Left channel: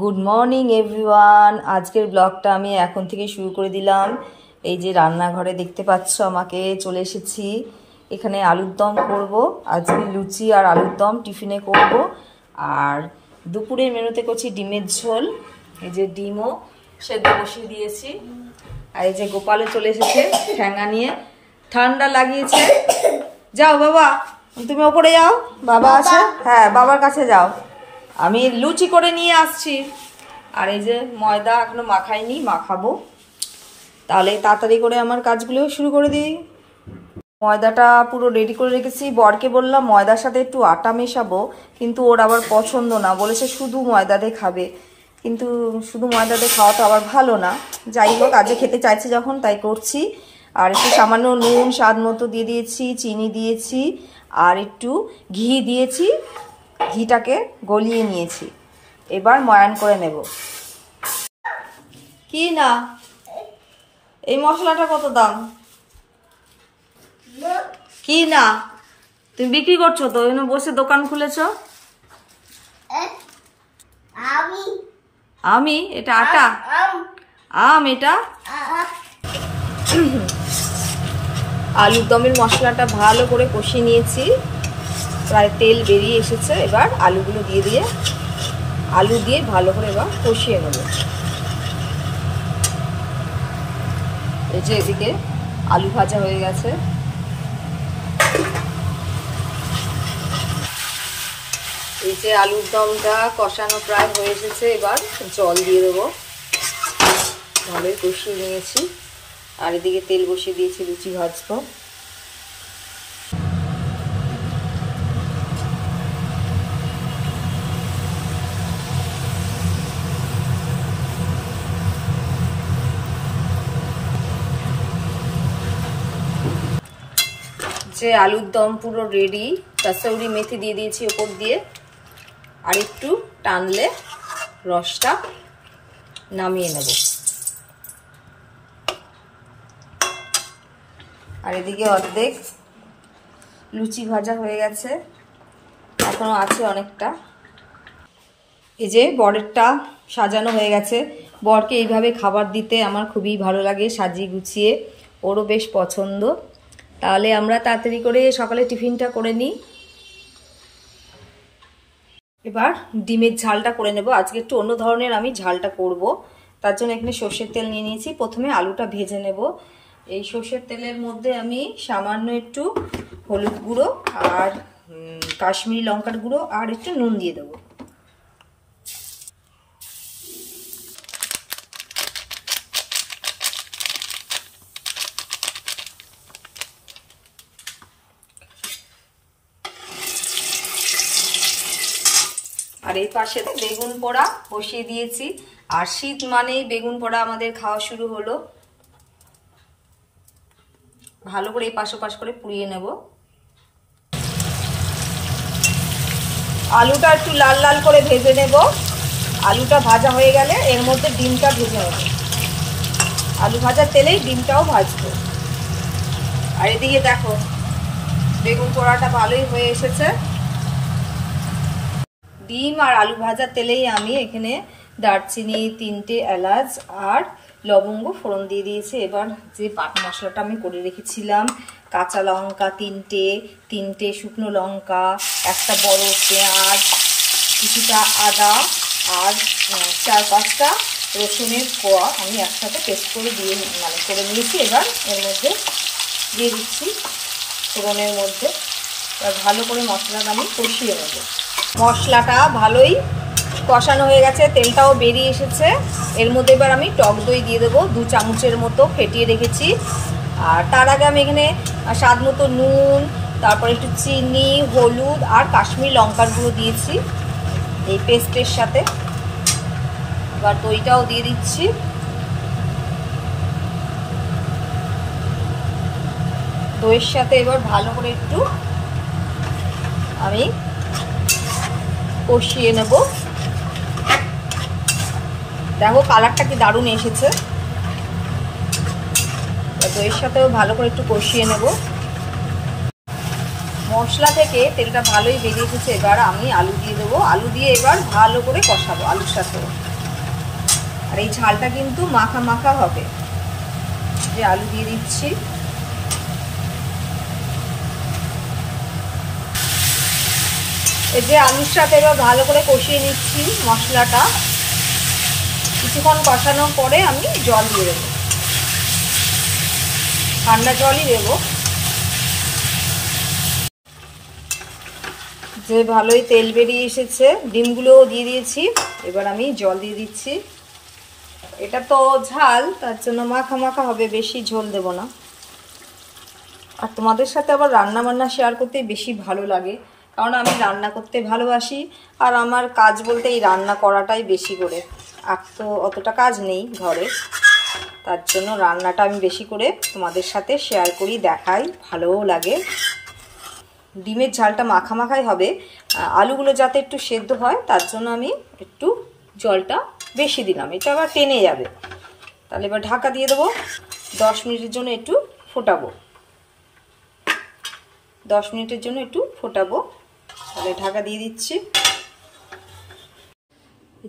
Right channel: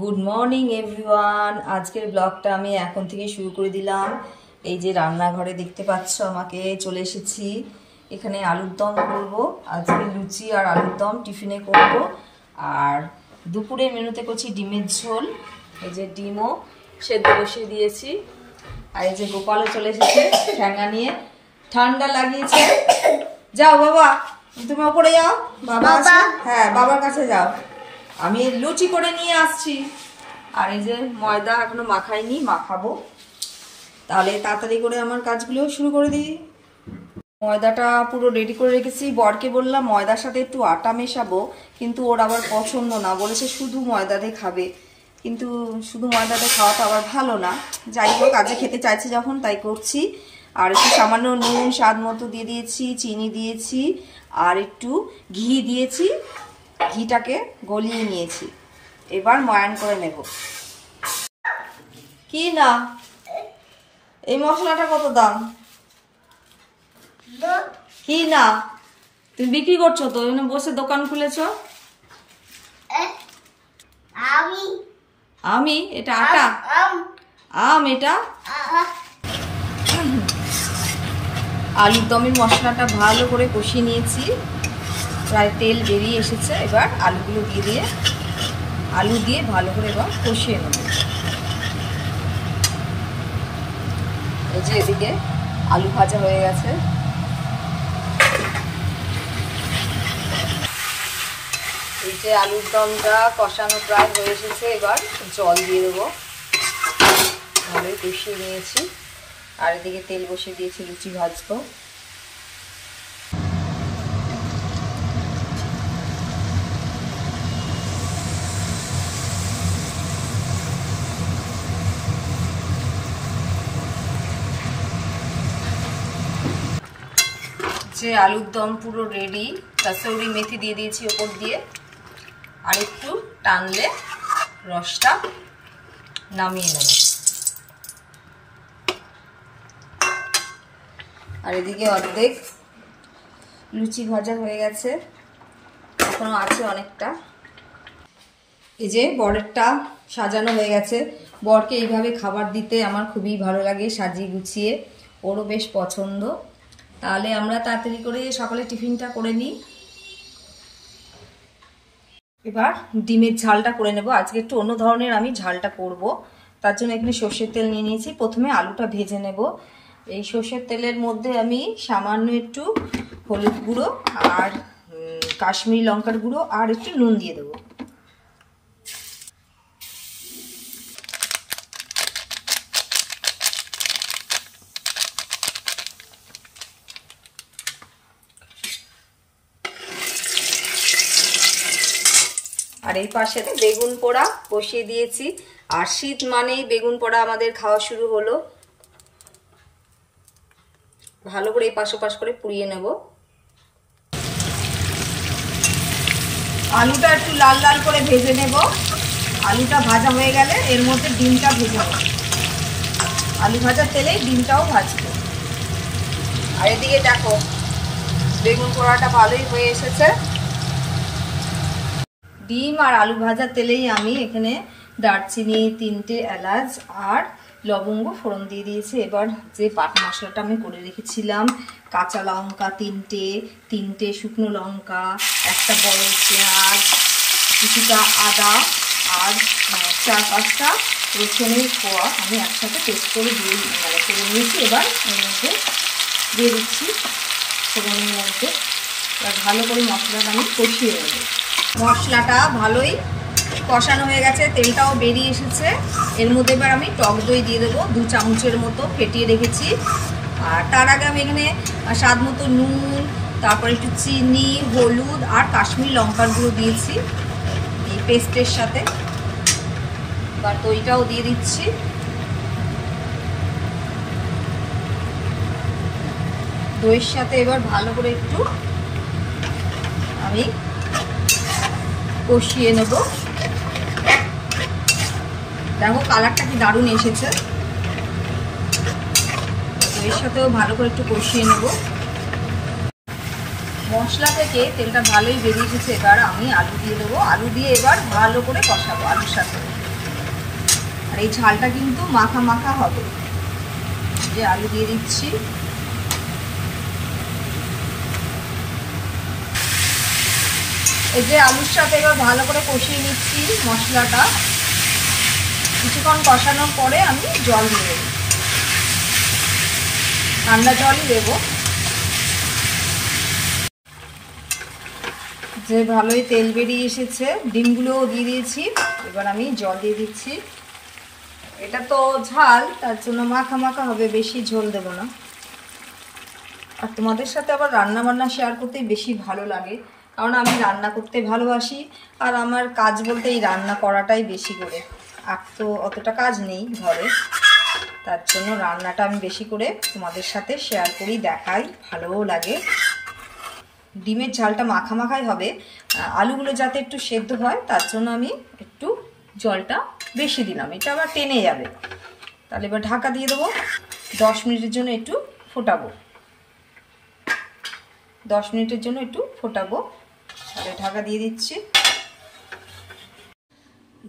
Good morning everyone. আজকের ব্লগটা আমি এখন থেকে শুরু করে দিলাম। এই যে রান্নাঘরে দেখতে পাচ্ছ আমাকে, চলে এসেছি। এখানে আলুর দম করব। আজকে লুচি আর আলুর দম টিফিনে করব। আর দুপুরের মেনুতে করছি ডিমের ঝোল। এই যে ডিমও সেদ্ধ বসিয়ে দিয়েছি। আর এই যে গোপালও চলে এসেছে ঠ্যাঙ্গা নিয়ে, ঠান্ডা লাগিয়েছে। যাও বাবা, তুমি ওপরে যাও, বাবা আছে। হ্যাঁ, বাবার কাছে যাও, আমি লুচি করে নিয়ে আসছি। আর এই যে ময়দা এখনো মাখাইনি, মাখাবো। তাহলে তাড়াতাড়ি করে আমার কাজগুলো শুরু করে দিই। ময়দাটা পুরো রেডি করে রেখেছি। বরকে বললাম ময়দার সাথে একটু আটা মেশাবো, কিন্তু ওর আবার পছন্দ না, বলেছে শুধু ময়দা দিয়ে খাবে। কিন্তু শুধু ময়দা দিয়ে খাওয়া তো আবার ভালো না। যাই হোক, আজকে খেতে চাইছে যখন তাই করছি। আর একটু সামান্য নুন স্বাদ মতো দিয়ে দিয়েছি, চিনি দিয়েছি, আর একটু ঘি দিয়েছি। ঘিটাকে গলিয়ে নিয়েছি, এবার ময়ান করে নেব। কি না, এই মশলাটা কত দাম? কি না, তুমি বিক্রি করছো তো, বসে দোকান খুলেছ? আমি এটা আটা, আম এটা। আলুর দমের মশলাটা ভালো করে কষিয়ে নিয়েছি, প্রায় তেল বেরিয়ে এসেছে। এবার আলুগুলো দিয়ে আলু দিয়ে ভালো করে এবার কষিয়ে নেব। এই যে এদিকে আলু ভাজা হয়ে গেছে। এই যে আলুর দমটা কষানো প্রায় হয়ে এসেছে, এবার জল দিয়ে দেবো। ভালোই কষিয়ে নিয়েছি। আর এদিকে তেল বসিয়ে দিয়েছি, লুচি ভাজবো। যে আলুর দম পুরো রেডি। কাসৌরি মেথি দিয়ে দিয়েছি ওপর দিয়ে। আর একটু টানলে রসটা নামিয়ে নেব। আর এদিকে অর্ধেক লুচি ভাজা হয়ে গেছে, এখনো আছে অনেকটা। এই যে বরেরটা সাজানো হয়ে গেছে। বরকে এইভাবে খাবার দিতে আমার খুবই ভালো লাগে, সাজিয়ে গুছিয়ে। ওরও বেশ পছন্দ। তাহলে আমরা তাড়াতাড়ি করে সকালে টিফিনটা করে নিই। এবার ডিমের ঝালটা করে নেব। আজকে একটু অন্য ধরনের আমি ঝালটা করব। তার জন্য এখানে সর্ষের তেল নিয়ে নিয়েছি। প্রথমে আলুটা ভেজে নেব। এই সর্ষের তেলের মধ্যে আমি সামান্য একটু হলুদ গুঁড়ো আর কাশ্মীরি লঙ্কার গুঁড়ো আর একটু নুন দিয়ে দেবো। আর এই পাশে বেগুন পোড়া বসিয়ে দিয়েছি। আর শীত মানেই বেগুন পোড়া আমাদের খাওয়া শুরু হলো। ভালো করে এই পাশে পাশ করে পুড়িয়ে নেব। আলুটা একটু লাল লাল করে ভেজে নেব। আলুটা ভাজা হয়ে গেলে এর মধ্যে ডিমটা ভেজে নেব। আলু ভাজার তেলেই ডিমটাও ভাজবো। আর এদিকে দেখো বেগুন পোড়াটা ভালোই হয়ে এসেছে। ডিম আর আলু ভাজার তেলেই আমি এখানে দারচিনি, 3টে এলাচ আর লবঙ্গ ফোড়ন দিয়ে দিয়েছি। এবার যে বাটা মশলাটা আমি করে রেখেছিলাম, কাঁচা লঙ্কা 3টে শুকনো লঙ্কা, একটা বড় পেঁয়াজ, কিছুটা আদা আর 4-5টা রসুনের কোয়া আমি একসাথে পেস্ট করে করে নিয়েছি। এবার এর মধ্যে দিয়ে দিচ্ছি ফোড়নের মধ্যে। এবার ভালো করে মশলাটা আমি কষিয়ে নেব। মশলাটা ভালোই কষানো হয়ে গেছে, তেলটাও বেরিয়ে এসেছে। এর মধ্যে এবার আমি টক দই দিয়ে দেবো, 2 চামচের মতো ফেটিয়ে রেখেছি। আর তার আগে আমি এখানে স্বাদ মতো নুন, তারপর একটু চিনি, হলুদ আর কাশ্মীরি লঙ্কার গুঁড়ো দিয়েছি এই পেস্টের সাথে। এবার দইটাও দিয়ে দিচ্ছি। দইয়ের সাথে এবার ভালো করে একটু আমি কষিয়ে নেব। দেখো কালারটা কি দারুণ এসেছে। দইয়ের সাথেও ভালো করে একটু কষিয়ে নেব। মশলা থেকে তেলটা ভালোই বেরিয়ে এসেছে। এবার আমি আলু দিয়ে দেবো, আলু দিয়ে এবার ভালো করে কষাবো আলুর সাথে। আর এই ঝালটা কিন্তু মাখা মাখা হবে। যে আলু দিয়ে দিচ্ছি, এই যে আলুর সাথে এবার ভালো করে কষিয়ে নিচ্ছি মশলাটা। কিছুক্ষণ কষানোর পরে আমি জল দিয়ে দেবো, ঠান্ডা জলই দেবো। যে ভালোই তেল বেরিয়ে এসেছে, ডিমগুলোও দিয়ে দিয়েছি। এবার আমি জল দিয়ে দিচ্ছি। এটা তো ঝাল, তার জন্য মাখা মাখা হবে, বেশি ঝোল দেব না। আর তোমাদের সাথে আবার রান্না বান্না শেয়ার করতে বেশি ভালো লাগে, কারণ আমি রান্না করতে ভালোবাসি। আর আমার কাজ বলতে এই রান্না করাটাই বেশি করে, আর তো অতটা কাজ নেই ঘরে, তার জন্য রান্নাটা আমি বেশি করে তোমাদের সাথে শেয়ার করি, দেখাই, ভালোও লাগে। ডিমের ঝালটা মাখা মাখাই হবে, আলুগুলো যাতে একটু সেদ্ধ হয় তার জন্য আমি একটু জলটা বেশি দিলাম, এটা আবার টেনে যাবে। তাহলে এবার ঢাকা দিয়ে দেবো, 10 মিনিটের জন্য একটু ফোটাবো। 10 মিনিটের জন্য একটু ফোটাবো, তাহলে ঢাকা দিয়ে দিচ্ছি।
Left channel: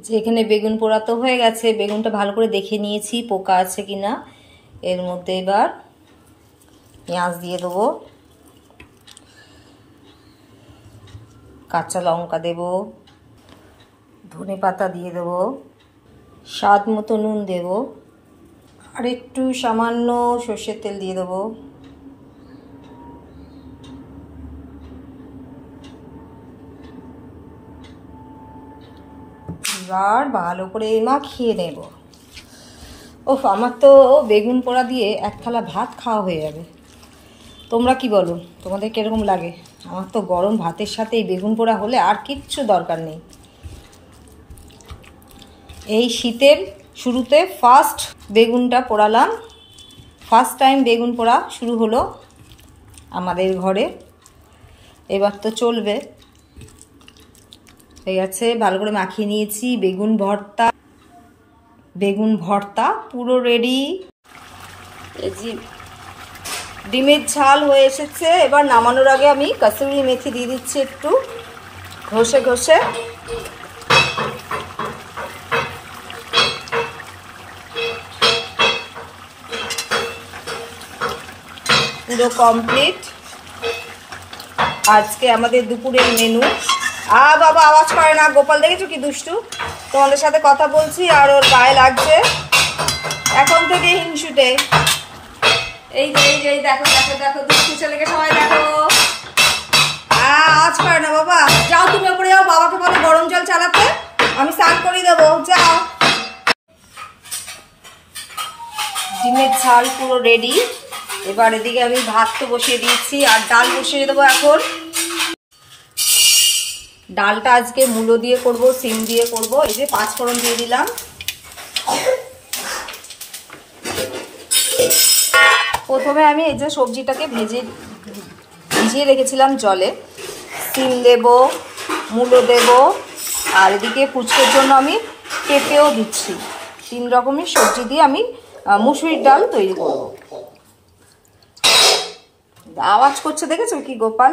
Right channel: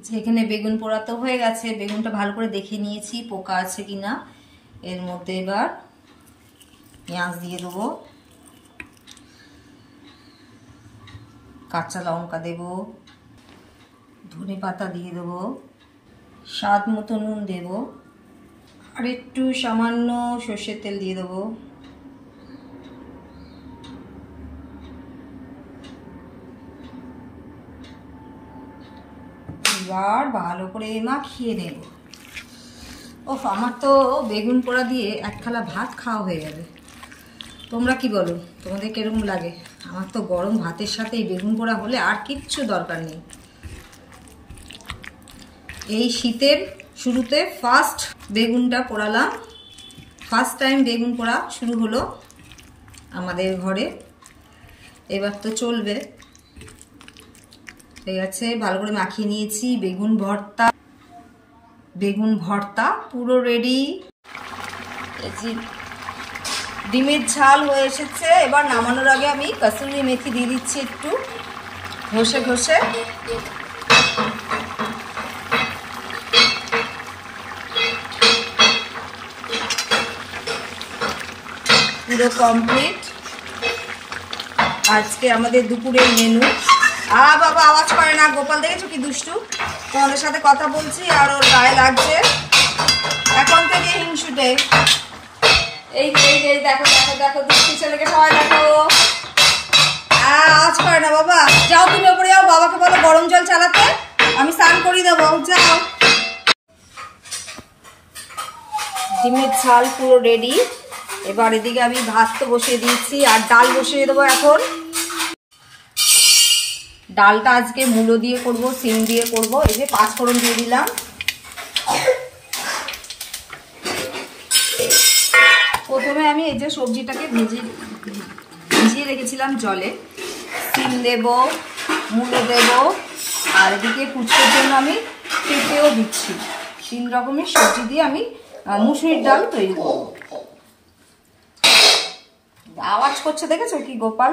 যে এখানে বেগুন পোড়া তো হয়ে গেছে, বেগুনটা ভালো করে দেখে নিয়েছি পোকা আছে কিনা। এর মধ্যে এবার পেঁয়াজ দিয়ে দেবো, কাঁচা লঙ্কা দেব, ধনে পাতা দিয়ে দেবো, স্বাদ মতো নুন দেব, আর একটু সামান্য সর্ষের তেল দিয়ে দেবো। এবার ভালো করে মাখিয়ে নেব। ওফ, আমার তো বেগুন পোড়া দিয়ে এক থালা ভাত খাওয়া হয়ে যাবে। তোমরা কি বলো, তোমাদের কিরকম লাগে? আমার তো গরম ভাতের সাথে এই বেগুন পোড়া হলে আর কিচ্ছু দরকার নেই। এই শীতের শুরুতে ফার্স্ট বেগুনটা পোড়ালাম, ফার্স্ট টাইম বেগুন পোড়া শুরু হলো আমাদের ঘরে। এবার তো চলবে। ঠিক আছে, ভালো করে মাখিয়ে নিয়েছি। বেগুন ভর্তা পুরো রেডি। ডিমের ঝাল হয়ে এসেছে। এবার নামানোর আগে আমি কসুরি মেথি দিয়ে দিচ্ছি একটু ঘষে ঘষে। পুরো কমপ্লিট আজকে আমাদের দুপুরের মেনু। বাবা আওয়াজ করে না, গোপাল দেখেছো কি দুষ্টু, তোমাদের সাথে কথা বলছি আর ওর গায়ে লাগছে এখন থেকে হিংসুটে। এই এই দেখো দেখো দেখো দুষ্টু ছেলেকে সবাই দেখো। আওয়াজ করে না বাবা, যাও তুমি ওপরে যাও, বাবাকে বলো গরম জল চালাতে, আমি স্নান করিয়ে দেবো, যাও। ডিমের ঝাল পুরো রেডি। এবার এদিকে আমি ভাত তো বসিয়ে দিয়েছি আর ডাল বসিয়ে দেবো এখন। ডালটা আজকে মূলো দিয়ে করব, সিম দিয়ে করব। এই যে 5 ফোড়ন দিয়ে দিলাম। প্রথমে আমি এই যে সবজিটাকে ভিজিয়ে রেখেছিলাম জলে। সিম দেব, মূলো দেব, আর এদিকে পুচকের জন্য আমি পেঁপেও দিচ্ছি। 3 রকমের সবজি দিয়ে আমি মুসুরির ডাল তৈরি করব। আওয়াজ করছে দেখেছো কি গোপাল?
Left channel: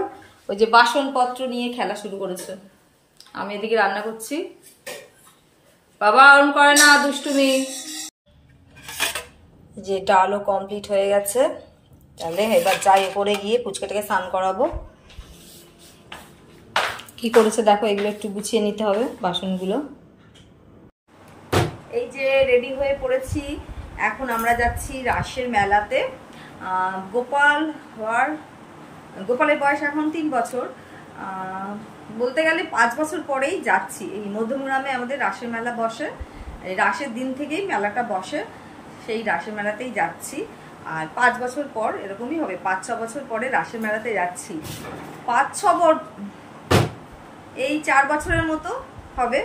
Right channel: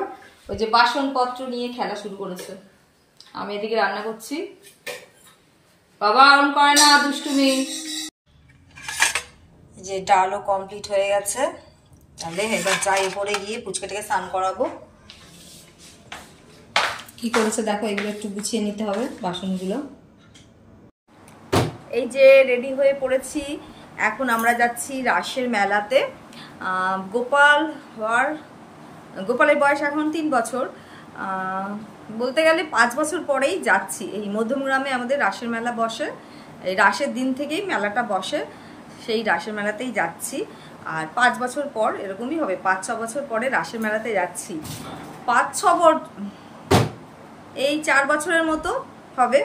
ওই যে বাসনপত্র নিয়ে খেলা শুরু করেছে। আমি এদিকে রান্না করছি। বাবা অন করে না, দুষ্টুমি। যে ডালও কমপ্লিট হয়ে গেছে। তাহলে এবার যাই উপরে গিয়ে পুচকেটাকে স্নান করাবো। কি করেছে দেখো, এগুলো একটু গুছিয়ে নিতে হবে বাসনগুলো। এই যে রেডি হয়ে পড়েছি, এখন আমরা যাচ্ছি রাসের মেলাতে। গোপালের বয়স এখন 3 বছর, বলতে গেলে 5 বছর পরেই যাচ্ছি। এই মধ্যমগ্রামে আমাদের রাসের মেলা বসে, এই রাসের দিন থেকেই মেলাটা বসে, সেই রাসের মেলাতেই যাচ্ছি। আর 5 বছর পর এরকমই হবে, 5-6 বছর পরে রাসের মেলাতে যাচ্ছি। 5-6 এই 4 বছরের মতো হবে।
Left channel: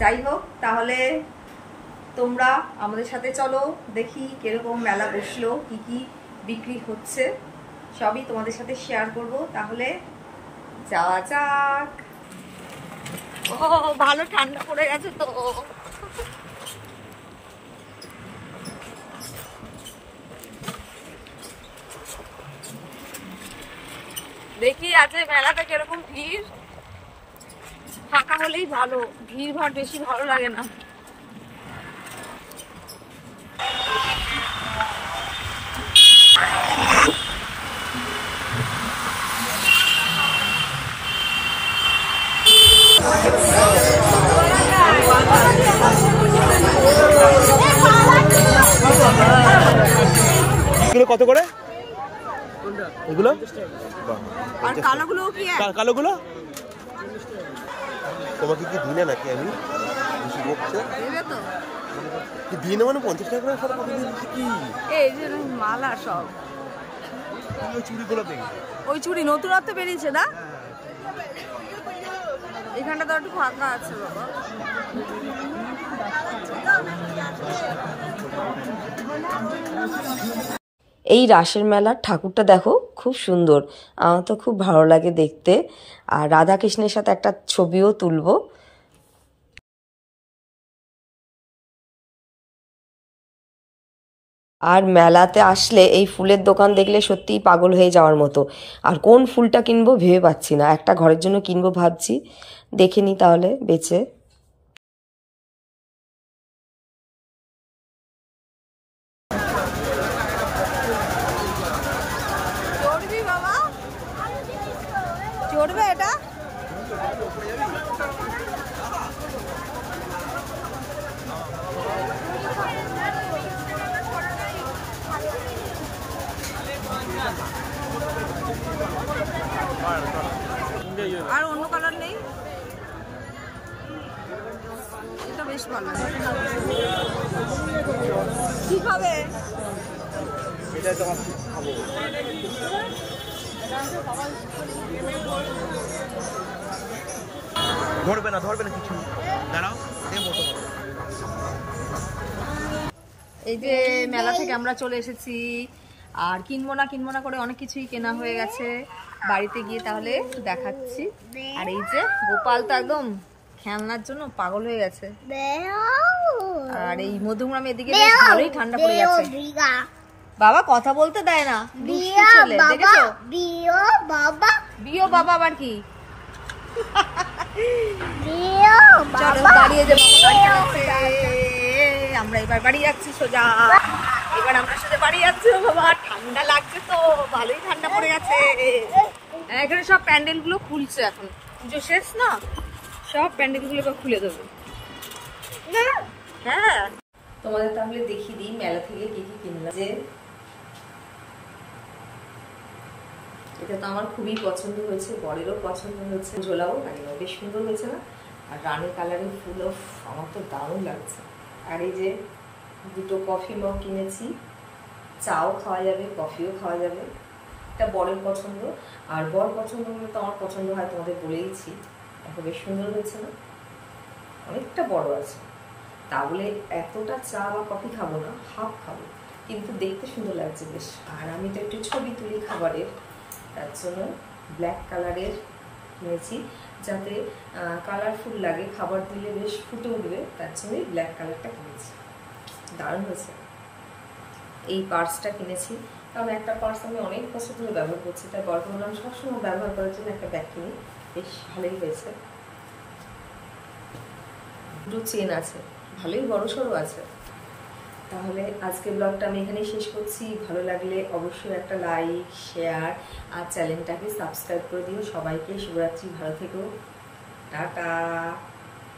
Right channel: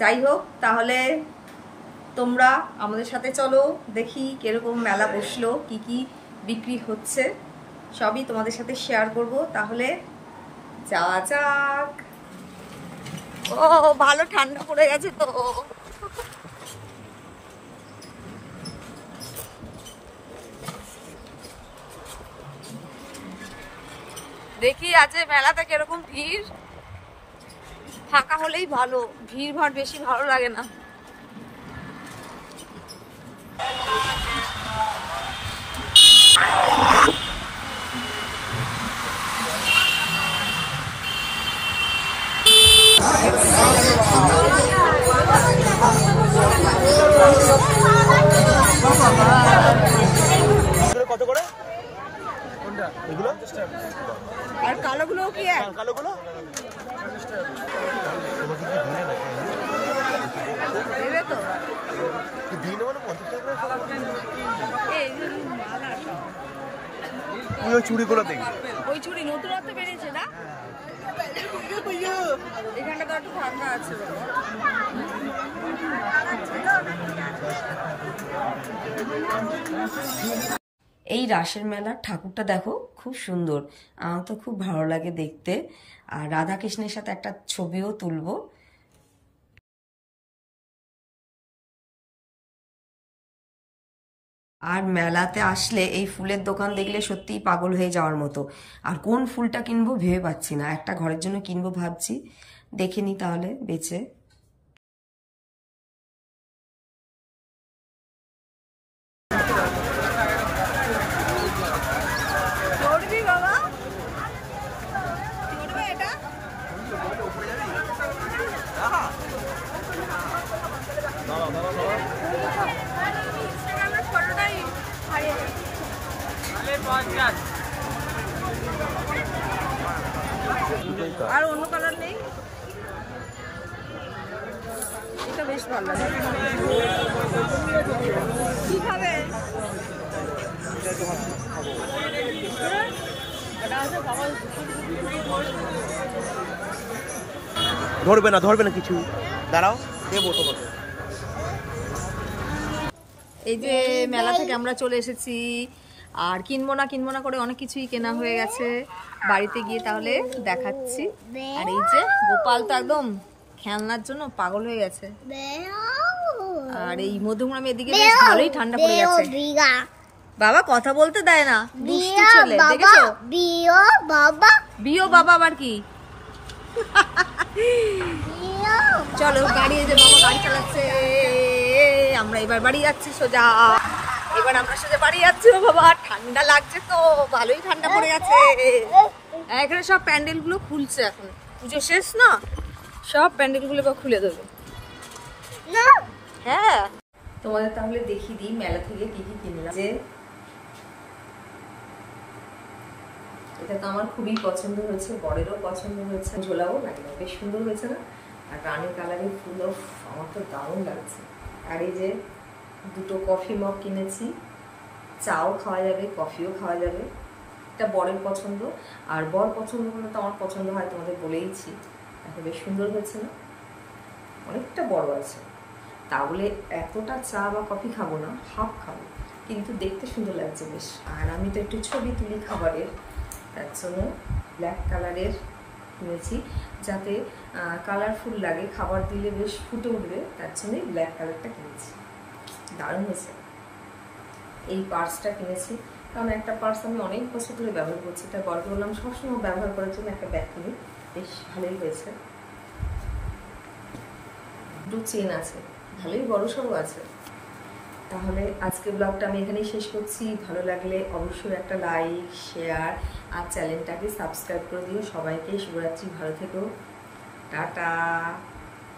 যাই হোক, তাহলে তোমরা আমাদের সাথে চলো, দেখি কিরকম মেলা বসলো, কি কি বিক্রি হচ্ছে, সবই তোমাদের সাথে শেয়ার করব। তাহলে যাওয়া যাক। ও ভালো ঠান্ডা পড়ে গেছে তো। দেখি আজকে মেলাতে কিরকম ভিড়। ফাঁকা হলেই ভালো, ভিড় ভাড় বেশি ভালো লাগে না। কত করে এগুলো? আর কালোগুলো কি? কালোগুলো তোমাকে কি দিলে নাকি? আমি দেবে তো দিনে মানে 50 টাকা এই মালা সব। ওই চুড়িগুলো দেখি, ওই চুড়ি নতুনত্ব বেরিয়েছে না? এখানটা তো একটু ফাঁকা আছে বাবা। এই রাসের মেলার ঠাকুরটা দেখো, খুব সুন্দর, আমার তো খুব ভালো লাগে দেখতে। আর রাধা কৃষ্ণের সাথে একটা ছবিও তুলবো। আর মেলাতে আসলে এই ফুলের দোকান দেখলে সত্যিই পাগল হয়ে যাওয়ার মতো। আর কোন ফুলটা কিনবো ভেবে পাচ্ছি না, একটা ঘরের জন্য কিনবো ভাবছি, দেখে নি তাহলে বেচে। চড়বি বাবা, চড়বে এটা? আর অন্য কালার নেই? এটা বেশ ভালো লাগে। কি খাবে? ধরবে না, ধরবে না কিছু, দাঁড়াও দেবো তোমাকে। এই যে মেলা থেকে আমরা চলে এসেছি, আর কিনবো না করে অনেক কিছুই কেনা হয়ে গেছে। বাড়িতে গিয়ে তাহলে দেখাচ্ছি। আর এই যে গোপাল তো একদম খেলনার জন্য পাগল হয়ে গেছে। আর এই মধুগ্রাম এদিকে বেশ ভালোই ঠান্ডা পড়ে গেছে। বাবা কথা বলতে দেয় না, দুষ্টু ছেলে, দেখেছো? বিও বাবা আবার কি? চলো গাড়ি, যে বাবা গাড়ি চালাচ্ছে, আমরা এবার বাড়ি যাচ্ছি সোজা। এবার আমরা সোজা বাড়ি যাচ্ছি। বাবা ঠান্ডা লাগছে তো, ভালোই ঠান্ডা পড়ে গেছে। এখানে সব প্যান্ডেল গুলো খুলছে, এখন পুজো শেষ না, সব প্যান্ডেল গুলো খুলে দেবে। হ্যাঁ, তোমাদের তাহলে দেখিয়ে দিই মেলা থেকে কি কি কিনলাম। যে এটা তো আমার খুবই পছন্দ হয়েছে, বরেরও পছন্দ হয়েছে। ঝোলাও লাগলো, বেশ সুন্দর হয়েছে না? আর রানী কালারের ফুল, আমার তো দারুণ লাগছে। আর এই যে দুটো কফি মগ কিনেছি, চাও খাওয়া যাবে, কফিও খাওয়া যাবে। এটা বরের পছন্দ, আর বর পছন্দ হলে তো আমার পছন্দ হয়, তোমাদের বলেইছি। দেখো বেশ সুন্দর হয়েছে না? অনেকটা বড় আছে, তা বলে এতটা চা বা কফি খাবো না, হাফ খাবো, কিন্তু দেখতে সুন্দর লাগছে বেশ। আর আমি তো একটু ছবি তুলি খাবারের, তার জন্য ব্ল্যাক কালারের কিনেছি, যাতে কালারফুল লাগে, খাবার দিলে বেশ ফুটে উঠবে, তার জন্যই ব্ল্যাক কালারটা কিনেছি। দারুণ হয়েছে। এই পার্সটা কিনেছি, কারণ একটা পার্স আমি অনেক বছর ধরে ব্যবহার করছি, তাই বরকে বললাম সবসময় ব্যবহার করার জন্য একটা ব্যাগ কিনি, বেশ ভালোই হয়েছে। দুটো চেন আছে, ভালোই বড় সড়ো আছে। তাহলে আজকে ব্লগটা আমি এখানেই শেষ করছি। ভালো লাগলে অবশ্যই একটা লাইক, শেয়ার আর চ্যানেলটাকে সাবস্ক্রাইব করে দিও। সবাইকে শুভরাত্রি, ভালো থেকো, টাটা।